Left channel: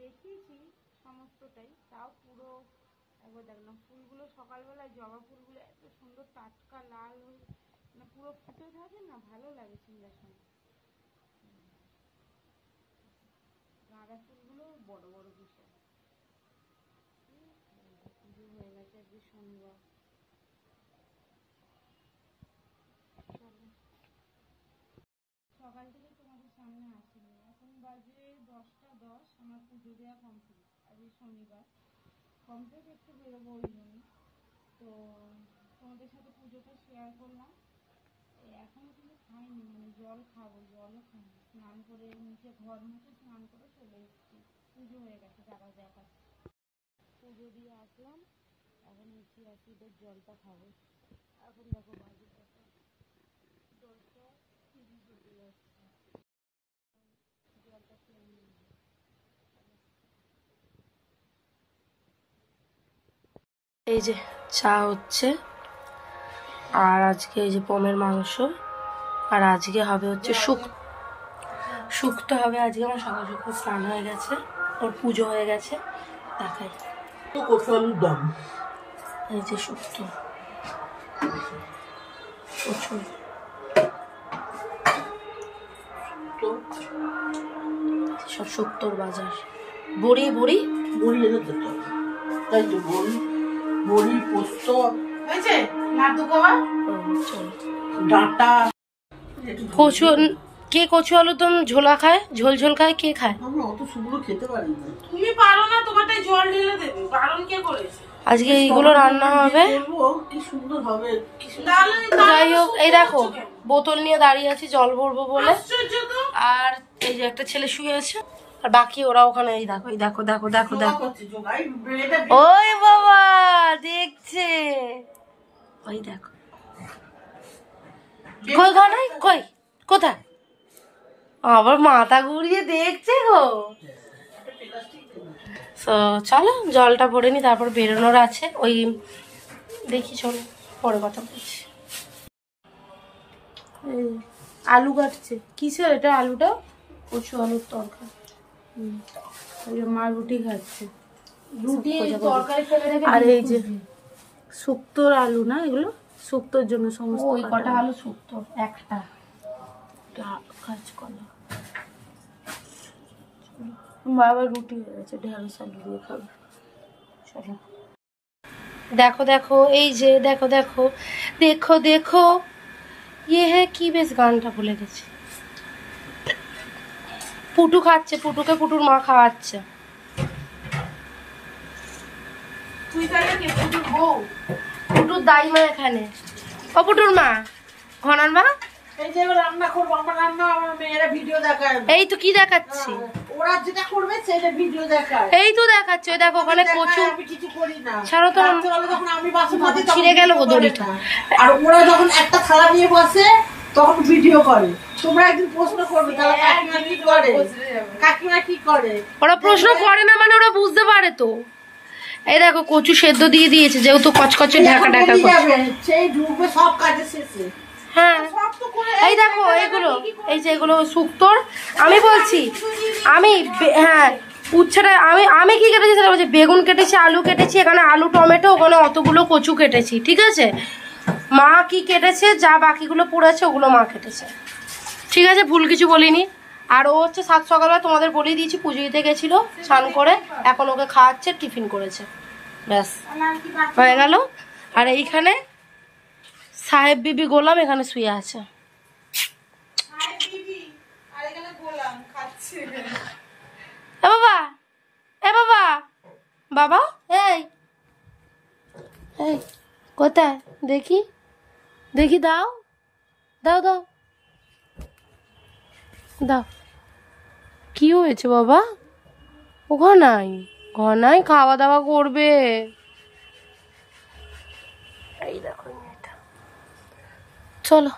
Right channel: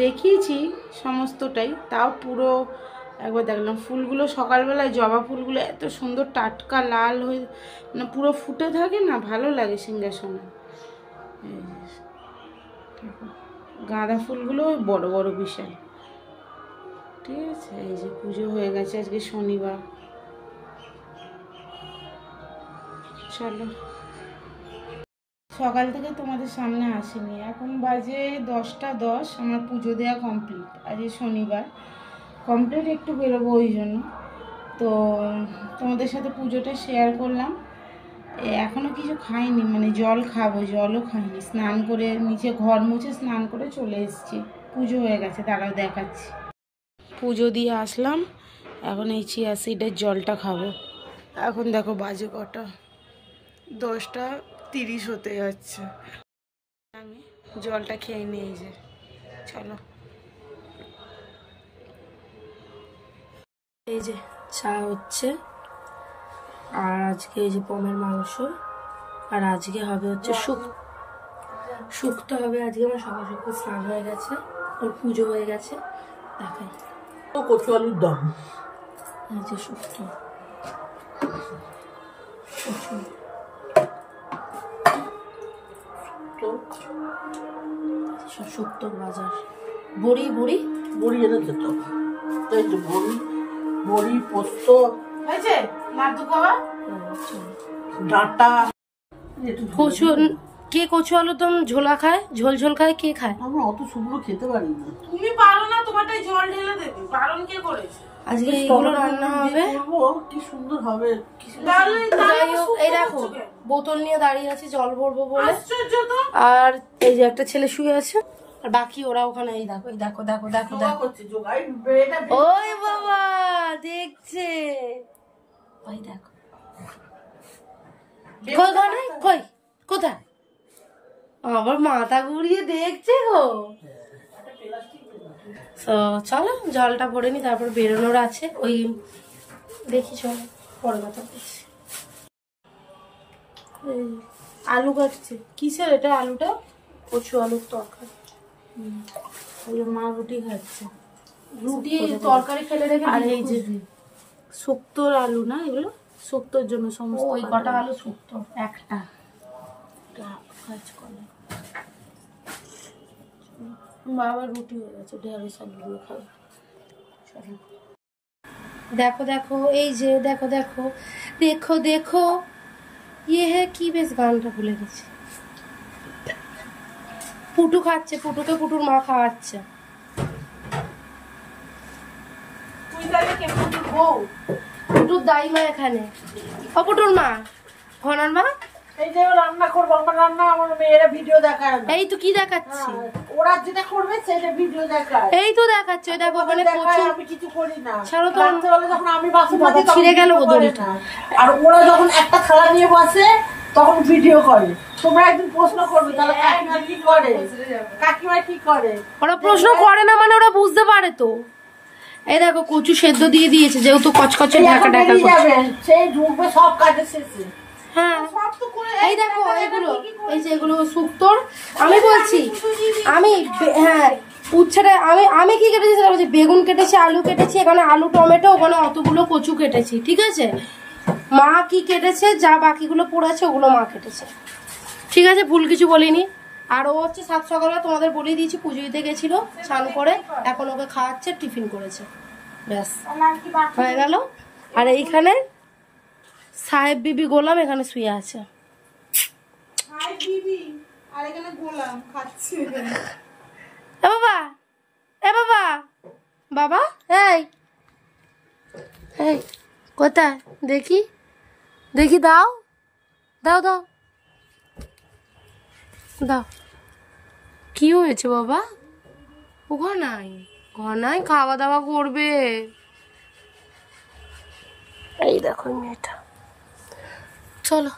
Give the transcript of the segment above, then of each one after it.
দেখিয়েছি সমস্তটাই, তাও পুরো একবার দেখলাম। ফুলগুলো সকালবেলায় জবা ফুলগুলো এত সুন্দর টাটকা লাল হয়ে মানে পুরো ফুটে থাকে না, ভালো লাগে সিংহাসনে। গাঁদা ফুলগুলো বড় বড় বিশাল। ঠিক আছে, এই যে পুজো হয়ে গেছে, আজকে শনিবার। চলো, সকাল থেকে তোমাদের সামনে আসিনি, এখন বাজে 10টা 10, আমার পুজো দেওয়া কমপ্লিট। আজকে শনিবার কমপ্লিট, একটু বেরোবো ওই জন্য তো তোমাদের সাথে পুজোটা শেয়ার করলাম। এখনও কিছু খাইনি, মানে জল খাবো, জলও খাইনি। স্নান করে নিচে ঘর মুছে স্নান করে চলে এসেছি, পুজো হয়ে গেছে, তারাও দেখাচ্ছি। পুজো দিয়ে আসলাম, এখন এই চিয়া সিডের জলটা খাবো। এখন দেখো বাজে কটা, 10টা 30 হতে যাচ্ছে। আমি জলটা খেয়ে নিই, যে চলো। এই যে চা হচ্ছে, আর আজকে এই যে পমের মাংস, আর আজকে হবে হচ্ছে শুক্তো হবে আজকে। আমার সকাল সকাল স্নান হয়ে গেছে, ওর পুজো হয়ে গেছে, দেখাই। কচু আলুর দম, এই যে শুক্তো, প্রচুর সব শুক্তোর বাজার। বড়ি বড়ি বড়ি এনেছে তো, তাই তো বড়ি বড়ি পোস্ত হয়েছে, নাড়ু খাওয়া, ডাঁটা। কচু, কে কচু আলু দম ঝোলা খায়, ঝোল ঝোল খায়, কে খায়? আমরা অত শুকনো খেতে পারি না। তুমি পারো না, তোমারটাই জল ঢেলে দেবে, বারণ কে করেছে? আজকে এইগুলো রান্না হবে, কি সুন্দর হবে। যাই হোক, এই দেখো বোতল নিয়ে দাঁড়িয়ে আছি জল ভরবো বলে, আর এই যে একটা ছেলে শুয়ে আছে, আর বাকি ওরা ওখানে। এই দেখো, এই দেখো দেখো দেখো দেখো, ওই বাবা দেখছে, ওই দেখো কই ঘরে, কই কোথায়, আবার মাথা ঘুরিয়ে দেখছে গো। তো চলো জলটা ভরে নি, তারপর বেরোনোর আছে। ওই দেখি, চলো পরে কথা বলছি। আলু কাটছে, কিসের এটা আলুটা? কচু আলুর তরকারি। মা রুটি খাচ্ছে, রুটি তরকারি ফেলে রেখে। আর এই যে শুক্তোর আলু না, এগুলো শুক্তোর জন্য সমস্ত। ওই কটা আলু শুক্তো, একটা কাজ করো। বাবা রুটি হয়ে গেছে, ঢেঁড়স আলু দিয়ে খাবে। চলো দেখো দেখো, এই যে দেখো দেখো দেখো দেখো, ইয়ে হ্যাঁ কি বেশ, গানটা ভুলে গেছি। পুটু খাচ্ছে, পুটুকে পুটুর মা খাওয়াচ্ছে। তুই তাহলে কে, পুটুর বউ? পুটুর দাইমা এখানে, ও পুটুর মা, ঘনার মা। এই যে রান্না করবো, আমার রান্না আমার মেয়েরা ভিডিও দেখায়। এই তো কি দেখাচ্ছি, ওরা যেটা করবে সেটা ভিডিও দেখায়। এই তো দেখাচ্ছে, ওই দেখো ওখানে কচু। আমি কিছু করি না, ছাড়ো তো, যখন আমি বাসন মাজি ছিঁড়ে গেল গো দড়িটা। আর ওরা যখন একটা থালা নিয়ে বসে তখন ভিডিও করে। তোমরা একদিন প্রশ্ন করবে তাহলে কাকিমা কি করে, কাকিমা কি করে। ওরা প্রশ্ন করে না মানে ওরা বুঝতে পারে তো। এই দেখো কচু সেদ্ধ দিয়ে দিয়েছে, যেহেতু কচকচে ঢাকা ঢাকা করছে, সেই ঢুকবে সব কাজে শেষে। হ্যাঁ এই দেখো এগুলো, এই যে এগুলো শুক্তোর। আমি বলছি, আমি হ্যাঁ উচ্ছেটা আমি আমি কি কেটেছি সেটা বলছি। বেগুন কেটেছি, আলু কেটেছি, এখানে আলু টমেটো, ওখানে অতগুলো কচু কেটেছি, ঠিক আছে। মা কি কেটেছে, যা বাকিগুলো পড়েছে ওগুলো মা কেটেছে, ঠিক আছে, ভুল কিছু বলিনি। আর ও হচ্ছে সাত সকালবেলা তোমাদের বলেই দিয়েছি, পুজো দিতে গেছিল স্নান করে, এখন ওকে খাওয়াচ্ছে, টিফিন করেছে, ব্যাস হয়ে গেল। আর এইখানে সাহেব বিবি গোলাম এখানে শুয়ে আছে। এ বাবা, এ বাবা, বাবা এই এই কোথায় দেখি, দেখি দাও দাও দাও দাও। কি হয়েছে বাবা? ও ঘনাই, ঘনাই খাওয়া দাওয়া করবে। এই দেখো মেয়েটা। চলো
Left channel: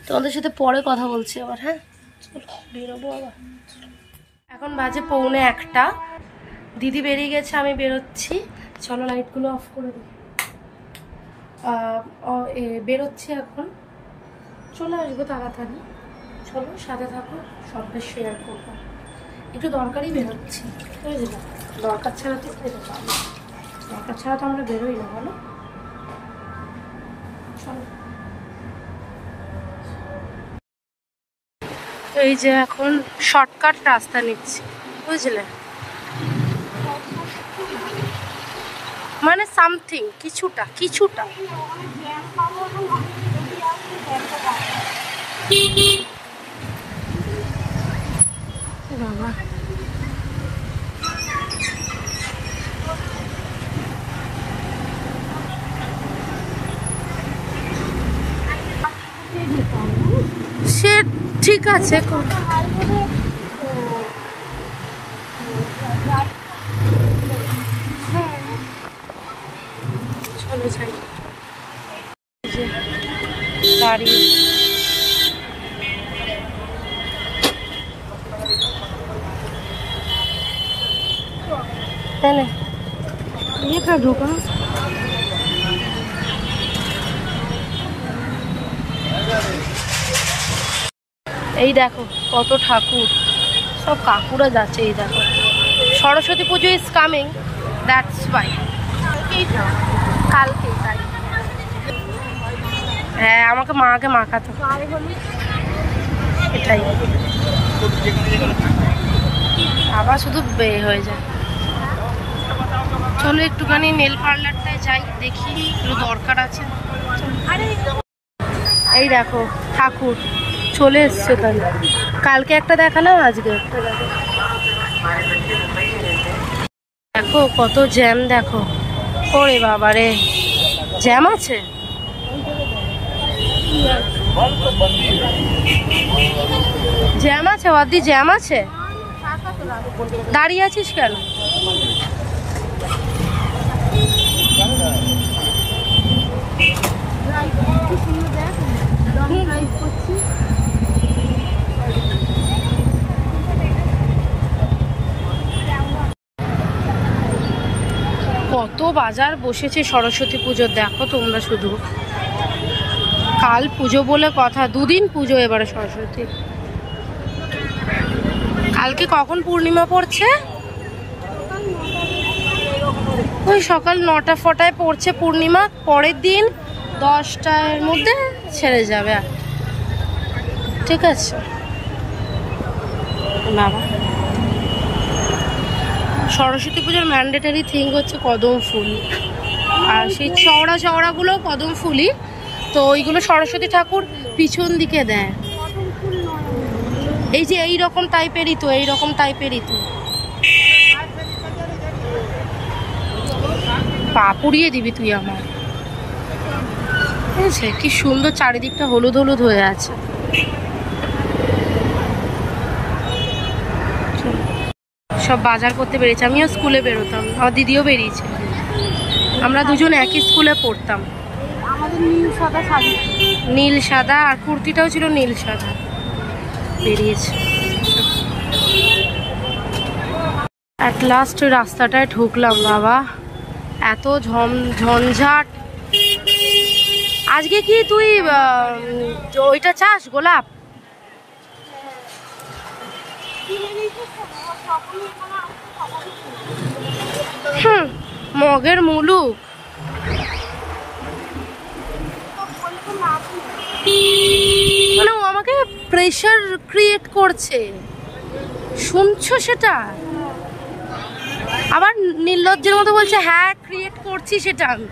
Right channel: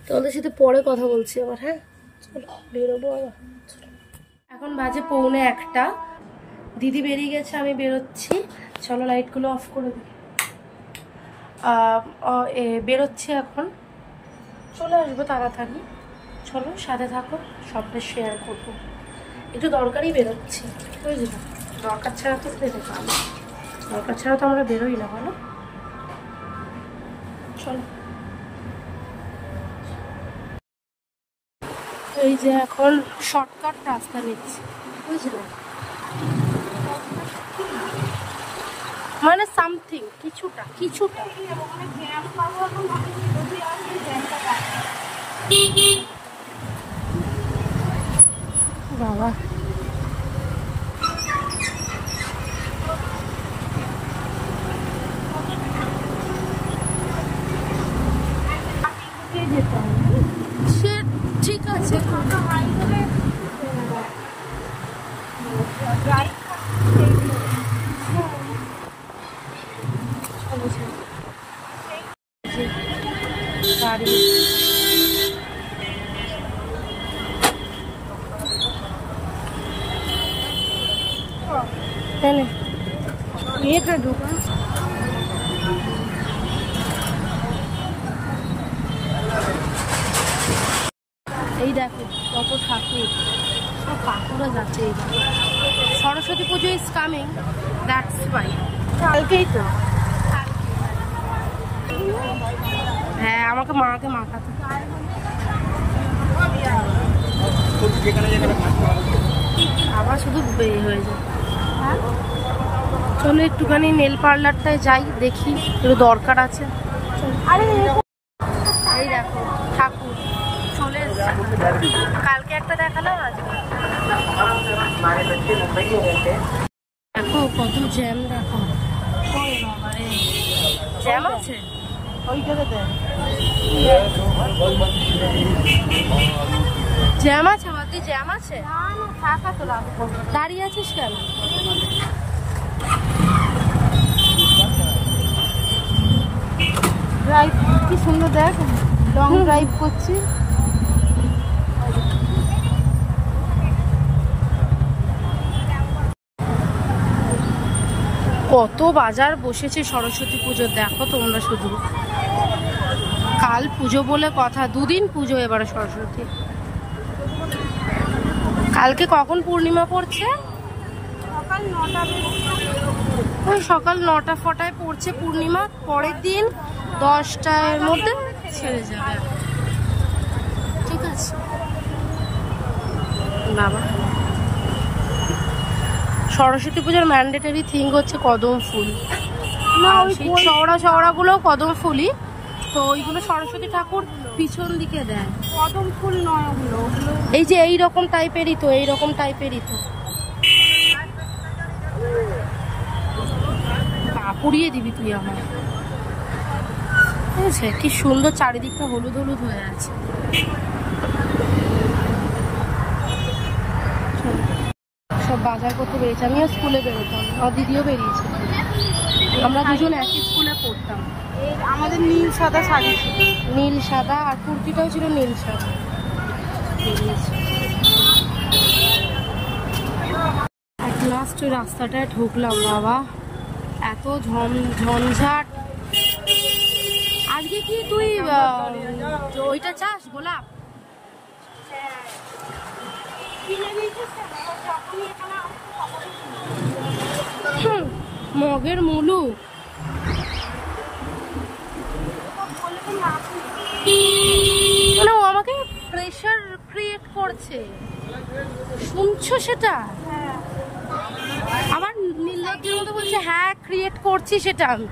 তোমাদের সাথে পরে কথা বলছি আবার, হ্যাঁ চলো বেরোবো আবার। এখন বাজে 1:45, দিদি বেরিয়ে গেছে, আমি বেরোচ্ছি। চলো লাইটগুলো অফ করে দিই। বেরোচ্ছি এখন, চলে আসবো তাড়াতাড়ি। চলো সাথে থাকো, সবটা শেয়ার করবো। একটু দরকারই বেরোচ্ছি, বুঝলি? দরকার ছাড়া তো দরকার ছাড়া তো আমরা বেরোই না, বলো? চল। এই যে এখন শর্টকাট রাস্তা নিচ্ছি, বুঝলে? মানে সামথিং, কিছুটা বাবা। সে ঠিক আছে, চলো যাই। গাড়ি তাহলে ঢুকা। এই দেখো কত ঠাকুর, সব কাকুরা যাচ্ছে। এই দেখো সরস্বতী পুজো ইজ কামিং, দ্যাটস ওয়াই। কালকেই তো, কালকেই তাই। হ্যাঁ, আমাকে মাকে মাখাতো, এটাই। আবার শুধু বে হয়ে যায়। চলো একটুখানি নেল পার্লারটায় যাই, দেখি, একটু দরকার আছে। এই দেখো ঠাকুর চলে এসছে। কালকে একটা দেখালাম, আজকে একটা দেখো। কত জ্যাম দেখো। ওরে বাবা রে, জ্যাম আছে। জ্যাম আছে ওদি, জ্যাম আছে। দাঁড়িয়ে আছিস কেন? ড্রাইভ কি সুন্দর, দেখ লং ড্রাইভ করছি। কত বাজার বসেছে সরস্বতী পুজোর, দেখো তোমরা শুধু। কাল পুজো বলে কথা, দুদিন পুজো এবারে সরস্বতী। কালকে কখন পূর্ণিমা পড়ছে? ওই সকাল 9টা ফটায় পড়ছে পূর্ণিমা, পরের দিন 10টার মধ্যে ছেড়ে যাবে। ঠিক আছে বাবা। সরস্বতী পুজোর ম্যান্ডেটারি থিং হচ্ছে কদম ফুল, আর সেই চওড়া চওড়াগুলো কদম ফুলই তো। ওইগুলো সরস্বতী ঠাকুর পিছন দিকে দেয়। কদম ফুল নয়, এই যে এইরকম টাইপেরই তো, এইরকম টাইপেরই তো। পা পুড়িয়ে দিবি তুই আমার, ঠিক আছে? কি সুন্দর চারিদিকটা হলুদ হলুদ হয়ে আছে। সব বাজার করতে বেরিয়েছে। আমিও স্কুলে বেরোতাম, আমার দিদিও বেরিয়েছে। আমরা দুজন একই স্কুলে পড়তাম। আমাদের নীল সাদা শাড়ি, নীল সাদা, আর কুর্তিটাও ছিল নীল সাদা। বেরিয়েছে অ্যাট লাস্ট। ওই রাস্তাটায় ঢুকলাম বাবা, এত ঝঞ্ঝাট। আজকে কি তুই ওইটা চাস, গোলাপ? মগের মুলুক। মানে ও আমাকে প্রেশার ক্রিয়েট করছে, শুনছো সেটা? আবার নির্লজ্জের মতো বলছে হ্যাঁ ক্রিয়েট করছি সেটা আমি।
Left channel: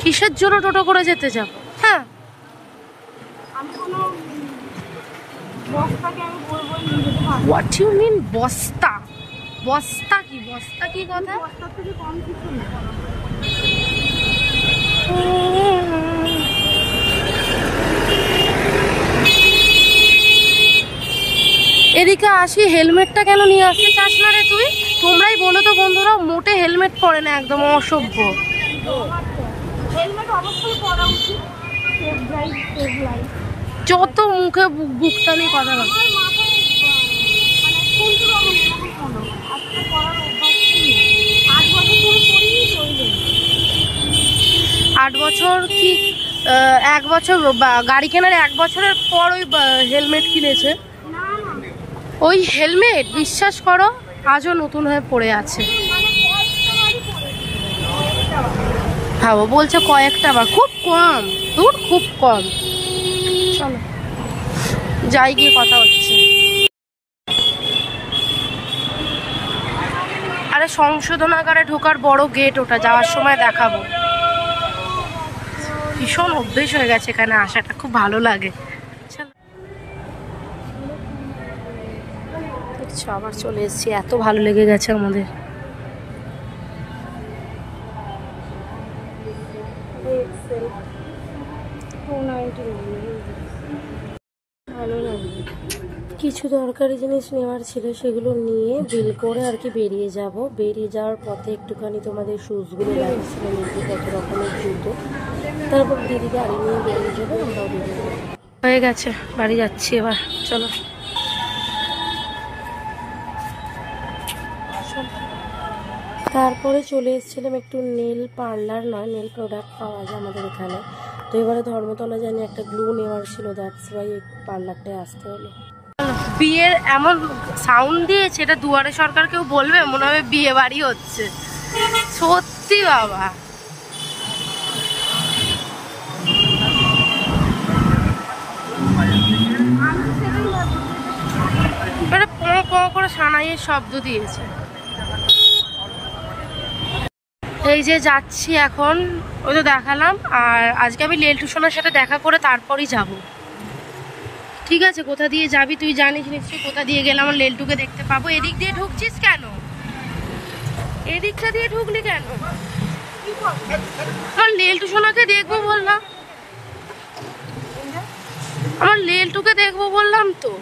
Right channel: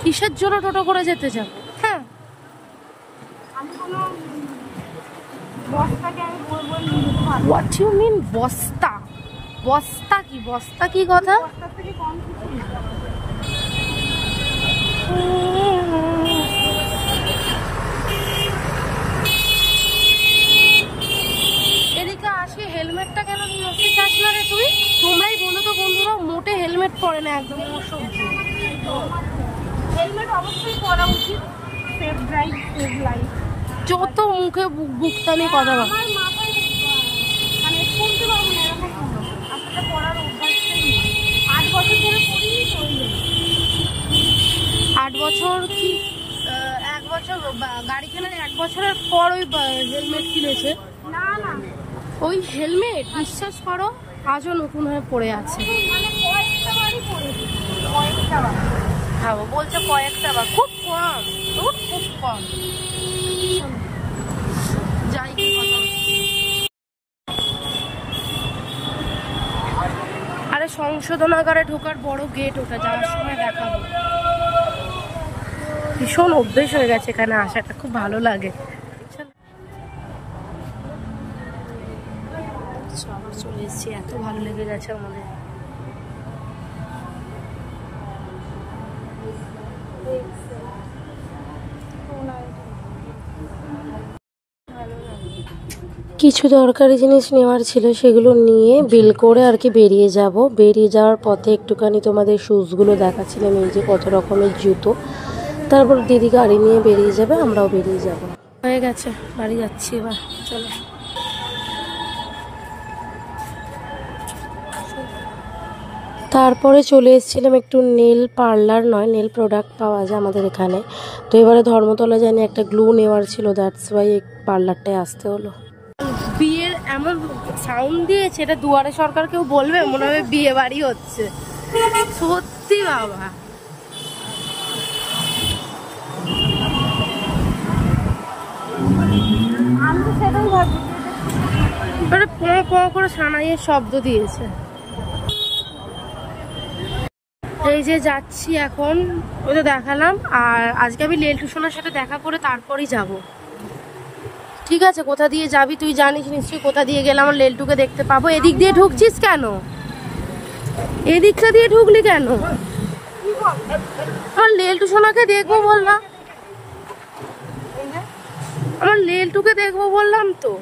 কিসের জন্য টোটো করে যেতে যাব? হ্যাঁ, হোয়াট ইউ মিন বস্তা? বস্তা কি? বস্তা কি কথা? এদিকে আসি, হেলমেটটা কেন নিয়ে আসতে চাস না রে তুই? তোমরাই বলো তো বন্ধুরা, মোটে হেলমেট পরে না, একদম অসভ্য। হেলমেট অবশ্যই পরা উচিত, সেফ ড্রাইভ সেভ লাইফ। যত মুখে বুকটানি কথা বল। আমার মাথায় মানে শুনতে পাবো না এরকম মনে হয়, আসলে পড়ার অভ্যাসটাই নেই। 8 বছর ধরে পড়িনি তো, ওই জন্য। 8 বছর কি 1 বছর গাড়ি কেনার 1 বছরের পর ওই হেলমেট কিনেছে। ওই হেলমেট বিশ্বাস করো আজও নতুন হয়ে পড়ে আছে। ভাবো বলছে কয়েকটা বার, খুব কম, দূর খুব কম। চলো যাই গিয়ে কথা হচ্ছে। আরে সংশোধনাগারে ঢোকার বড় গেট, ওটা যাওয়ার সময় দেখাবো। ভীষণ অভ্যেস হয়ে গেছে এখানে আসাটা, খুব ভালো লাগে। আবার চলে এসেছি, এত ভালো লেগে গেছে আমাদের। কিছু দরকারি জিনিস নেওয়ার ছিল, সেগুলো নিয়ে বিল করে আর কি বেরিয়ে যাব। বেরিয়ে যাওয়ার পথে একটুখানি তোমাদের শুজগুলো দেখাচ্ছিলাম, এই যে কত রকমের জুতো। তারপর দিদি গাড়ি নিয়ে বেরিয়ে যাবে, আমরাও বেরিয়ে যাব। হয়ে গেছে, বাড়ি যাচ্ছি এবার, চলো। তারপরে চলে এসেছিলাম একটু নেল পার্লার, নয় নেল প্রোডাক্ট পাওয়া যায় আমাদের এখানে। তো এবারে ধর্মতলা জানি একটা গ্লু নেওয়ার ছিল, দ্যাটস ওয়াই এই পার্লারটায় আসতে হলো। বিয়ের এমন সাউন্ড দিয়েছে, এটা দুয়ারে সরকার কেউ বলবে মনে হবে বিয়ে বাড়ি হচ্ছে, সত্যি বাবা। পঁ করে সানাইয়ের শব্দ দিয়েছে। এই যে যাচ্ছি এখন, ওই তো দেখালাম। আর আজকে আমি লেল টুসনের সাথে দেখা করে তারপরই যাব। ঠিক আছে, কোথা দিয়ে যাবি তুই জানিস নিশ্চয়ই, কোথা দিয়ে গেলে আমার লেলটুকে দেখতে পাবো। এদিক দিয়ে ঢুকছিস কেন? এদিকটা দিয়ে ঢুকলি কেন? আমার লেলটুসোনাকে দেখবো বললাম, আমার লেলটুকে দেখবো বললাম তো।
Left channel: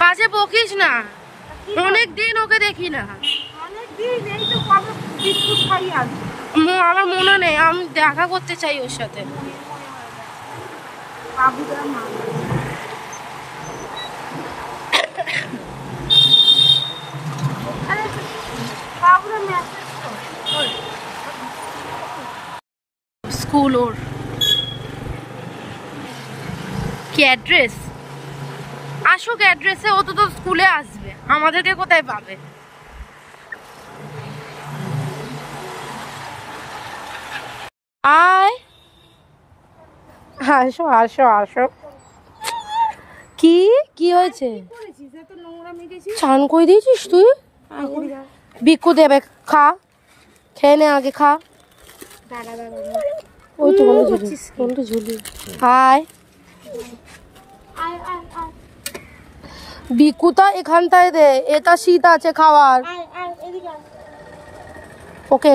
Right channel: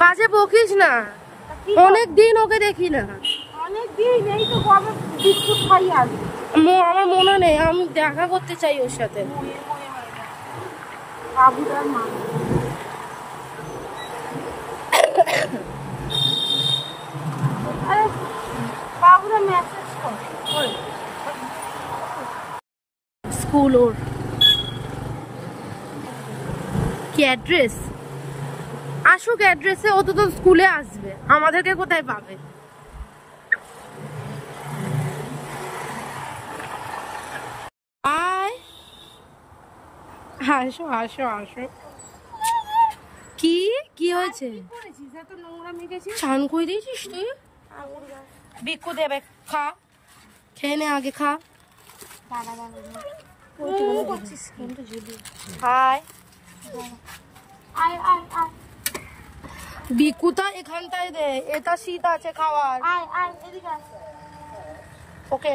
বাজে বকিস না, অনেক দিন ওকে দেখি না। আমার মনে নেই, আমি দেখা করতে চাই ওর সাথে। স্কুল ওর কি অ্যাড্রেস? আসুক অ্যাড্রেসে, ও তো স্কুলে আসবে, আমাদেরকে কোথায় পাবে? আয়, আসো আসো আসো। কি কি হয়েছে? স্নান করে দিয়েছিস তুই? বিকু দেবে, খা, খেয়ে নে আগে, খা। ওই তো কোনটা ঝুলি। হাই বিকুটা এখানটায় দে, এটা শীত আছে খাওয়ার। ওকে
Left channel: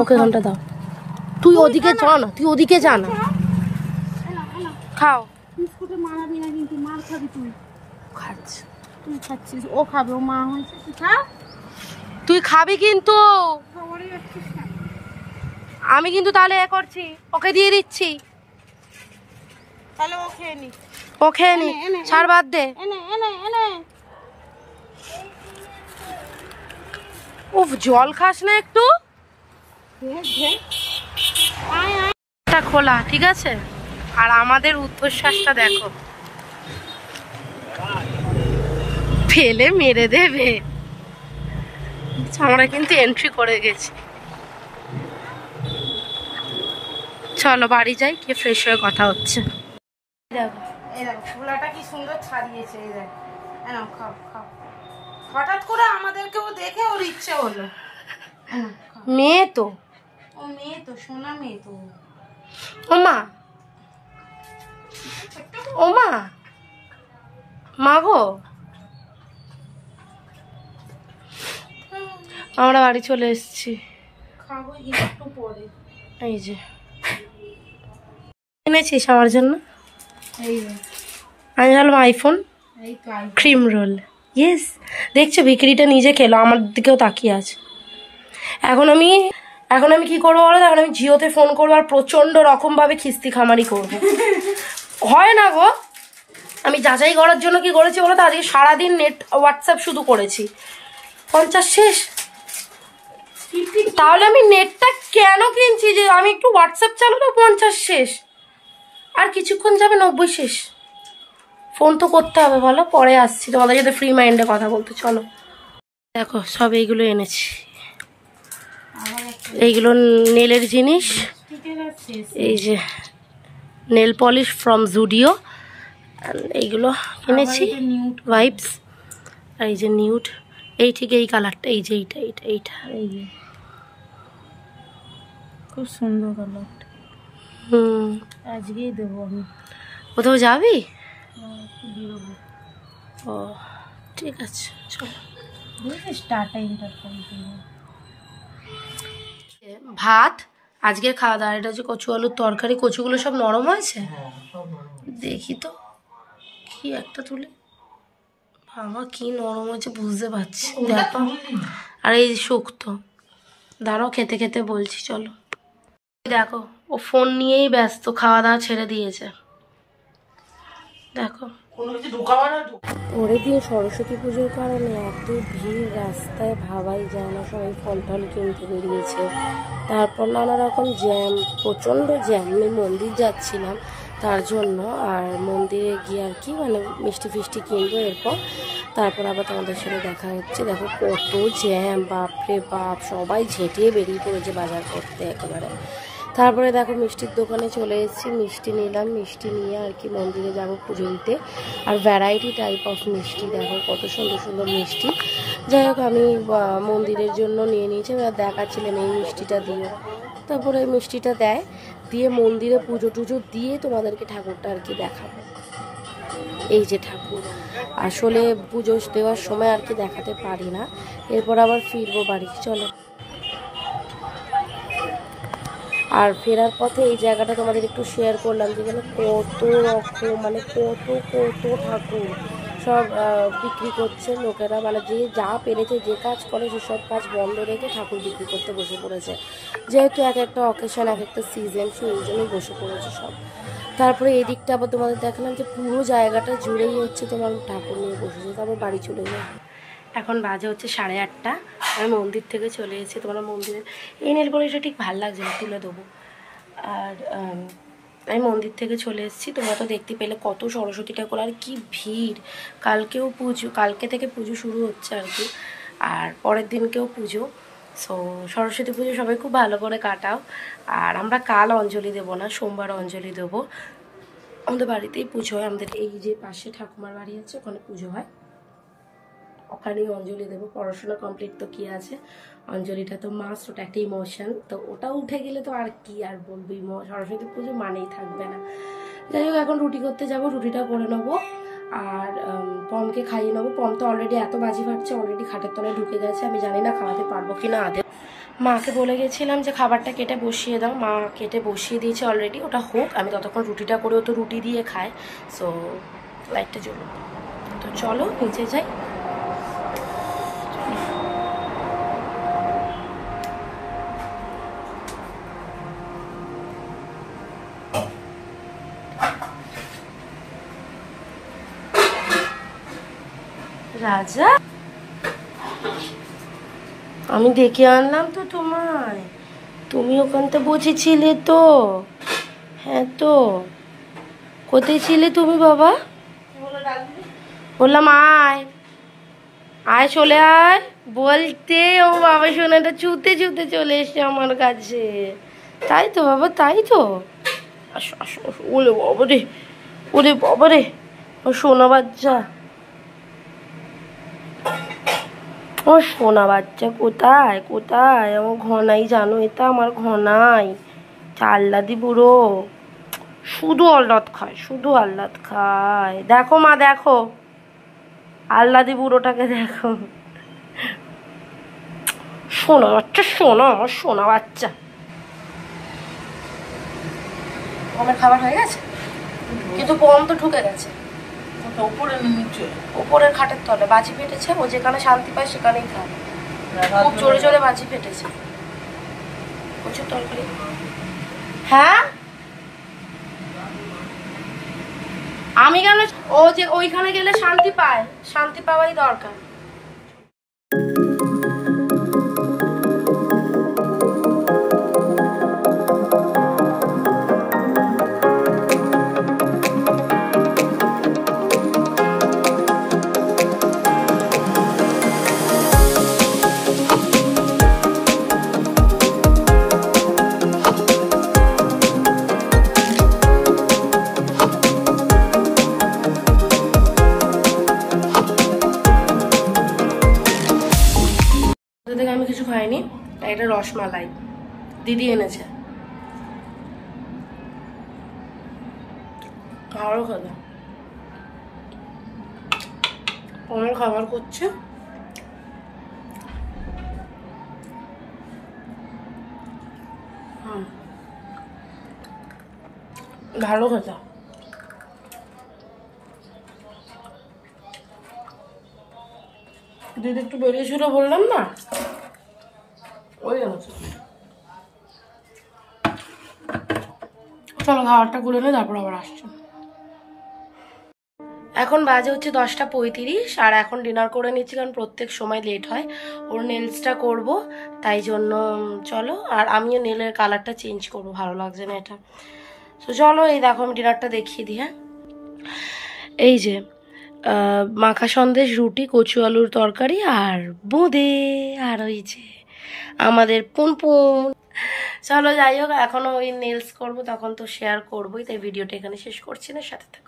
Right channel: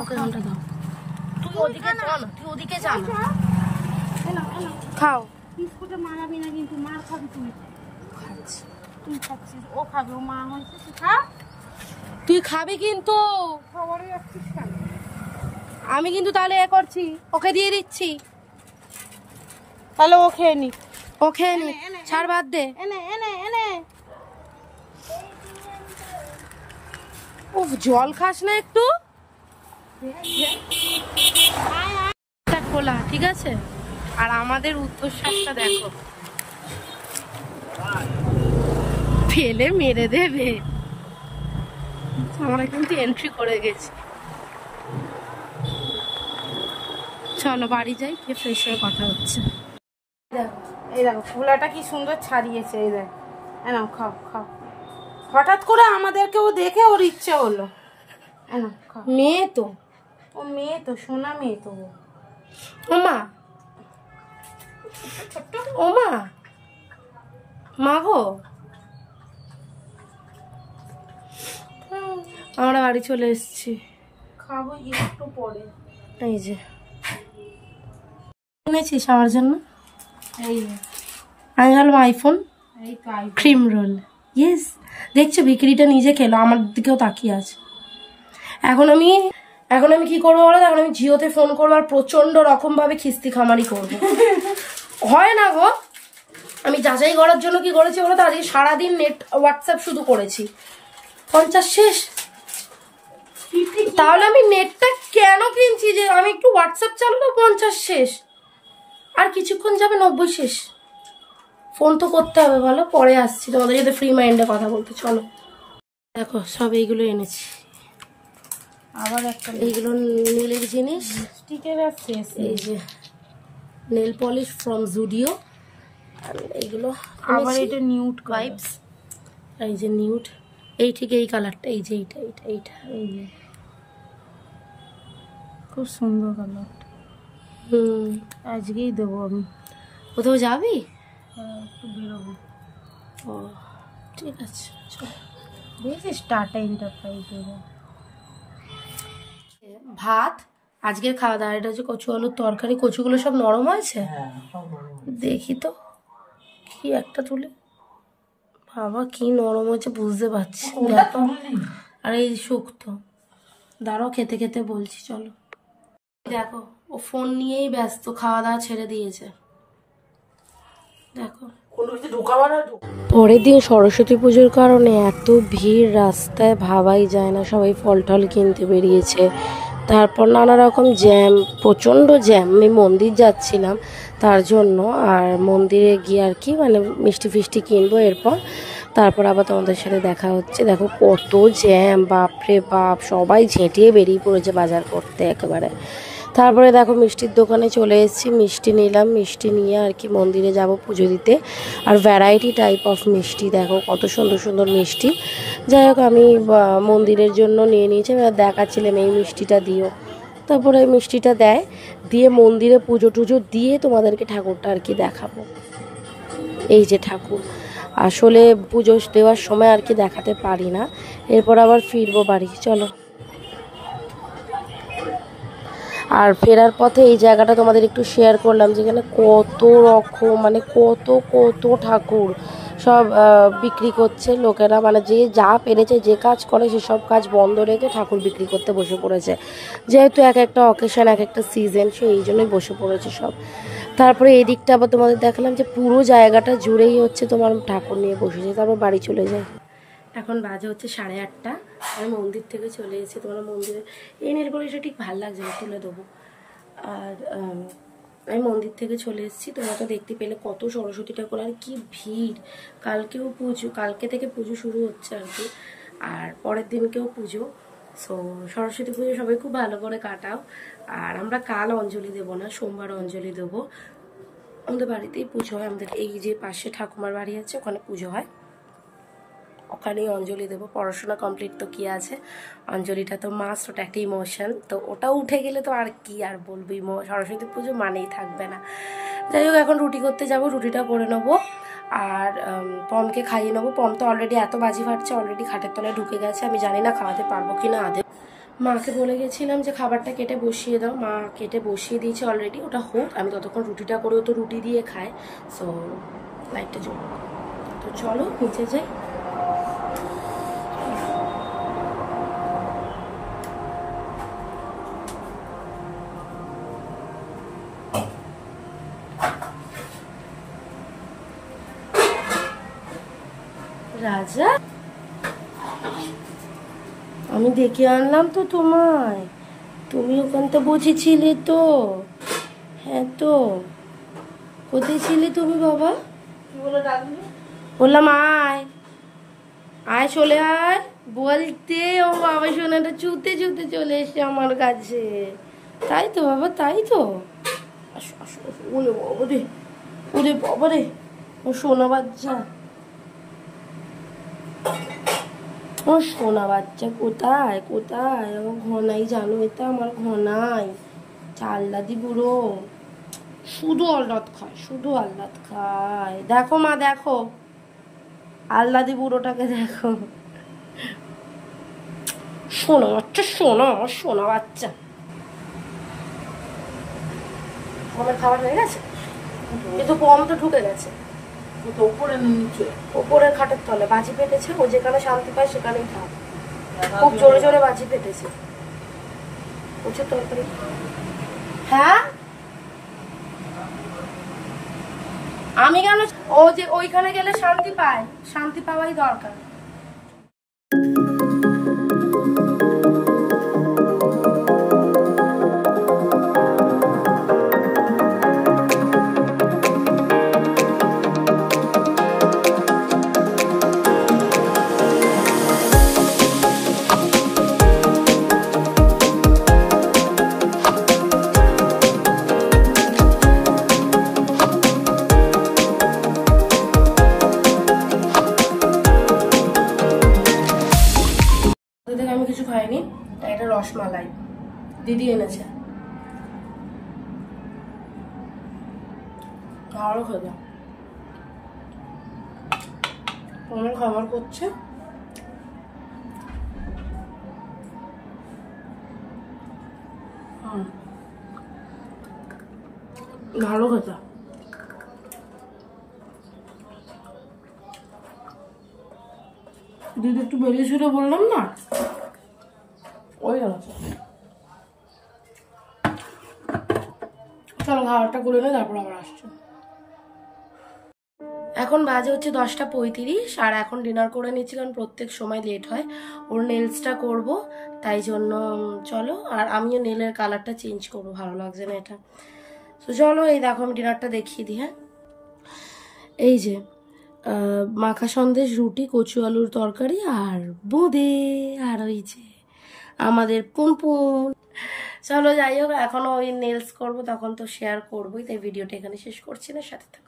ওকে এখানটা দাও। তুই ওদিকে যা না, তুই ওদিকে যা না, খাও। বিস্কুটে মারাবি না কিন্তু, মার খাবি তুই। খাচ্ছি, তুই খাচ্ছিস, ও খাবে, ও মা হয়েছে, তুই খা। তুই খাবি কিন্তু, আমি কিন্তু তাহলে এ করছি, ওকে দিয়ে দিচ্ছি। তাহলে ও খেয়ে নি, ও খেয়ে নি, ছাড়, বাদ দে। ও জল খাস না একটু? খোলা, ঠিক আছে। আর আমাদের উদ্ধশ্বাসটা দেখো, ফেলে মেরে দেবে। আমরা কিন্তু এন্ট্রি করে গেছি। চলো বাড়ি যাই, গিয়ে ফ্রেশ হয়ে কথা হচ্ছে। দেখো এই দেখো ছোলাটা কি সুন্দর ছাড়িয়েছে, এই দেখ। খাও খাও। হঠাৎ করে আমাদেরকে ও দেখে ওর ইচ্ছে হলো। মেয়ে তো, ও মেয়ে তো, সোনা মেয়ে তো। ওমা ওমা, মা গো, আমরা বাড়ি চলে এসেছি। খাবো একটু পরে। এই যে এনেছিস আমার জন্য, আমি ভাবলাম আইফোন ক্রিম রোল। ইয়েস, দেখছো বিক্রিটা নিজে খেলো, আমার দিকেও তাকিয়ে আছে। এখন আমি কি করবো বলো? এখন আমি জিওতে ফোন করবো আর প্রচন্ড রকম ভাবে খিস্তি খামারি করবো। হয় না গো, আমি যাচাই করার জন্য কি করেছি বলো তো, আজকে সারাদিন নেট হোয়াটসঅ্যাপ শুধু করেছি। 50 শেষ, তাহলে আমি নেটটা কেন কিনছি যে আমি একটু হোয়াটসঅ্যাপ চালাবো 50 শেষ, আর কিছুক্ষণ যাবে 90 শেষ। ফোন তো করতে হবে বলো, পরে আসছি তোমাদের সাথে ফ্রি মাইন্ডে কথা বলতে। চলো দেখো সব এইগুলো এনেছি, এইগুলো নেলের জিনিস, এই যে নেল পলিশ ফ্রম জুডিও, এইগুলো এনেছি নিউড ভাইবস, আর এই যে নিউড, এই ঠিক এই কালারটা, এই যে এইটা এইটা এইটা খুব সুন্দর কালারটা। আজকেই দেবো আমি। কোথাও যাবি? একটু বেরোবো। ও ঠিক আছে চলো। দেখেছিস টাটা এন্টারপ্রাইজে ভাত আজকের খাওয়া দাওয়া, এটা হচ্ছে কচু আলুর তরকারি। কচুগুলো সব নরম হয়েছে, দেখি তো কি একটা তুলে, বাবা কি নরম হয়েছে বুঝতে পারছি, দেখো। আর এই শুক্তো, দাঁড়াও খেতে খেতে বলছি। চলো দেখো ও ফোন নিয়েই ব্যস্ত, খাওয়া দাওয়া ছেড়ে দিয়েছে দেখো। পরের দিন সরস্বতী পুজোর কারণে এত ভিড় রাস্তায় ভাবাই যায় না, সবাই ফল টল কিনতে বেরিয়েছে। তারপর নানা রকম জ্যাম, প্রচণ্ড জ্যাম। আমি মন্দির যাচ্ছিলাম তার জন্য, আর মন্দিরে গিয়ে আর কি মানে মিষ্টি ফিষ্টি কিনবো, এরপর তারপর আবার তোমাদের সাথে দেখা হচ্ছে। দেখো কত জ্যাম, বাপরে বাপ, সবাই ঝেঁটিয়ে বেরিয়ে পড়েছে বাজার করতে একেবারে। তারপরে দেখো মিষ্টির দোকানে চলে এসেছি, মিষ্টি নিলাম, মিষ্টি নিয়ে আর কি মন্দিরে যাব পুজো দিতে। আর ভ্যারাইটি টাইপ অফ মিষ্টি, দেখো কত সুন্দর সুন্দর মিষ্টি। যাই হোক আমি মন্দিরের জন্য নিয়ে নিয়েছি, দেখাচ্ছিলাম এই মিষ্টিটা দিও। তারপরে এই মিষ্টিটা দেয়, দিয়ে মন্দিরে পুজো টুজো দিয়ে তোমাদেরকে ঠাকুরটা আর কি দেখাবো। এই যে ঠাকুর, আসলে পুজো দেওয়ার সময় আর কি দেখাতে পারি না, এরপর আবার ফিরবো বাড়ি। চলো। আর ফেরার পথে এই জায়গাটা তোমাদের একটু শেয়ার করলাম, যেখানে কত রকম মানে কত কত ঠাকুর সব বিক্রি করছে লোকেরা, মানে যে যা পেরেছে, যে কাজ করে সেসব কাজ বন্ধ রেখে ঠাকুর বিক্রি করতে বসে পড়েছে। যেহেতু এক একটা অকেশন, এক একটা সিজন, সেই জন্যই বসে পড়েছে সব। তারপরে এই দিকটা আবার তোমাদের দেখালাম যে পুরো জায়গাটা জুড়েই হচ্ছে তোমার ঠাকুর নিয়ে বসেছে। তারপর বাড়ি চলে যায়। এখন বাজে হচ্ছে 8:30, আমি মন্দির থেকে চলে এসেছি। তোমরা মন্দিরে এই নেল পলিশটা ঠিক ভালো লাগছে না, তুলে দেবো। আর আমি মন্দির থেকে চলে এসেছি, তোমরা তো দেখতে পেলে কত সরস্বতী ঠাকুর, আর কি ভিড়। কালকেও পুজো, কালকে থেকে পুজো শুরু হচ্ছে আর কি, আর পরের দিনকেও পুজো। সো সরস্বতী পুজো সবাই খুব ভালো করে কাটাও। আর আমরা কাল অঞ্জলি দেবো না, সোমবার অঞ্জলি দেবো। আমাদের বাড়িতেই পুজো হয়, আমাদের এই যে পাশে ঠাকুমার বাড়ি আছে, ওখানে পুজো হয়, ওখানেই অঞ্জলি দেবো। পড়াশোনা কমপ্লিট তো কি আছে, অঞ্জলিটা তো মাস্ট, ওটা একটা ইমোশন। তো ওটা উঠে গেলে তো আর কি আর বলবো, সরস্বতী পুজো মানেই থাকবে না। যাই হোক এখন রুটি করতে যাব, রুটিটা করে নেবো আর পমকে খাইয়ে নেবো। পম তো অলরেডি এত বাজি ফাটছে, অলরেডি খাটের তলায় ঢুকে গেছে। আমি জানি না খাওয়াতে পারবো কি না আদে। মাকে বলে গেছিলাম যে খাবারটা কেটে বসিয়ে দাও, মা কেটে বসিয়ে দিয়েছে অলরেডি, ওটা হোক, আমি ততক্ষণ রুটিটা করেও তো রুটি দিয়ে খাই। সো লাইটটা জ্বলুক, তো চলো নিচে যাই। রাজা, আমি ডেকে আনলাম তো তোমায়, তুমি ওখানটা বসেছিলে তো? হ্যাঁ তো, কোথায় ছিলে তুমি বাবা? বললাম আয় আয়, চলে আয় বলতে, ও বাবা সোনাটা ছুতে ছুতে চলে এসছে আমার কাছে। তাই তো বাবা, তাই তো, আসো আসো। ওরে বাবা রে, ওরে বাবা রে, ও সোনা বাচ্চা, ও সোনা বাচ্চা কোথায় কোথায়? আমার ঘনাই, জানো এটা আমার ঘনাই, চাল্লাদি বুড়ো, শুধু আহ্লাদ খায়, শুধু আহ্লাদ খায়। দেখো মা, দেখো আহ্লাদি বুড়োটাকে দেখো, সোনা বাচ্চা, সোনা, আমার সোনা বাচ্চা। পমের খাবার হয়ে গেছে, কিন্তু পম তো ঢুকে গেছে উপরের খাটের তলে, বাজি ফেটেছে। ও যেখানে শান্তি পায় সেখানেই খায়, খুব জোরে জোরে বাজি ফেটেছে, প্রচুর তরকারি। হ্যাঁ আমি কেন, ও যে ওইখানে গেলে শান্তি পায়, শান্তি পাওয়াই দরকার। রসমালাই দিদি এনেছে। আরো খাওয়া অনেক খাবার করছে। ভালো খেতে। দিদি একটু বেরিয়েছিল বললাম না, ওই গেল। চলো খাবারটা করে নিয়ে তারপর আবার আসছো। এখন বাজে হচ্ছে 10:35 আর এখন ডিনার করে নিচ্ছি, কারণ প্রত্যেক সময় লেট হয়। ওর নেলসটা করব, তাই জন্য চলো। আর আমিও নেলের কালারটা চেঞ্জ করবো, ভালো লাগছে না এটা। তো চলো, এই দেখো আমি ডিনারটা দেখিয়ে দিই। হ্যাঁ, এই যে মাখা সন্দেশ, রুটি, কচু আলুর তরকারি আর বোঁদে, আর ওই যে আমাদের পুনপুন। চলো যাই হোক, এখনো ওই নেলস করবো, তখন তো শেয়ার করবোই, তাই ভিডিওটা এখানে শেষ করছি না, সাথে থাকো।